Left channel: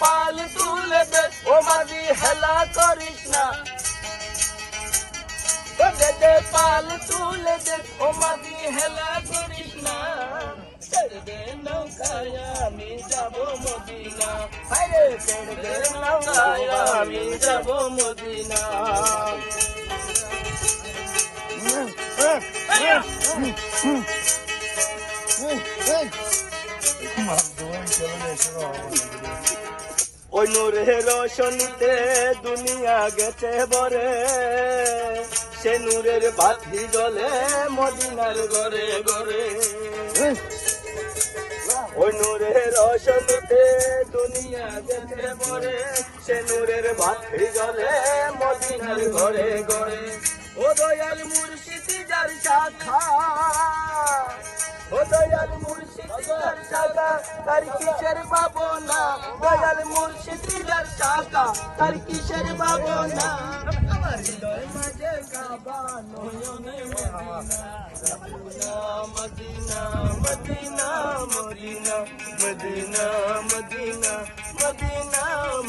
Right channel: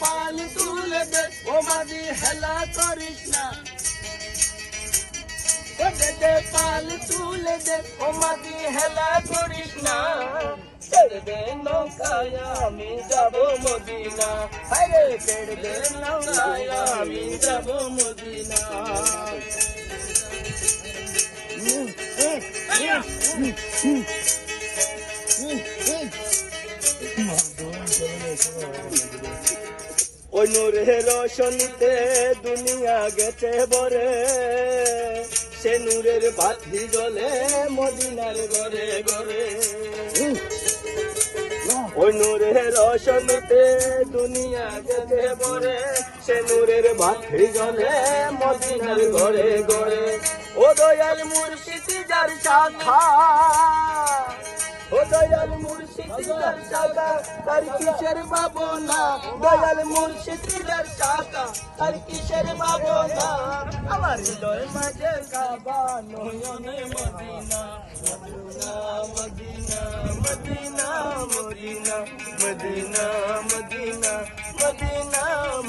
পাল তুলে দে ও মাঝি হেলা করিস না দে পাল তুলে দে ও মাঝি হেলা করিস না ছেড়ে দে নৌকায় আমি যাব মদিনা আরে ছেড়ে দে নৌকায় আমি যাব মদিনা ওই নূরের রোশনীতে দুনিয়া গেছে ভরে সে নূরের বাতি জ্বলে মদিনার ঘরে ঘরে ওই নূরের রোশনীতে দুনিয়া গেছে ভরে সে নূরের বাতি জ্বলে মদিনার ঘরে ঘরে ও দয়াল মুর্শিদ যার শাখা দয়াল মুর্শিদ যার শাখা তার কিসের ভাবনা দয়াল মুর্শিদ যার শাখা তার কিসের ভাবনা আমার হৃদয় মাঝে কাবা নয়নে Medina Medina Medina Medina Medina Medina Medina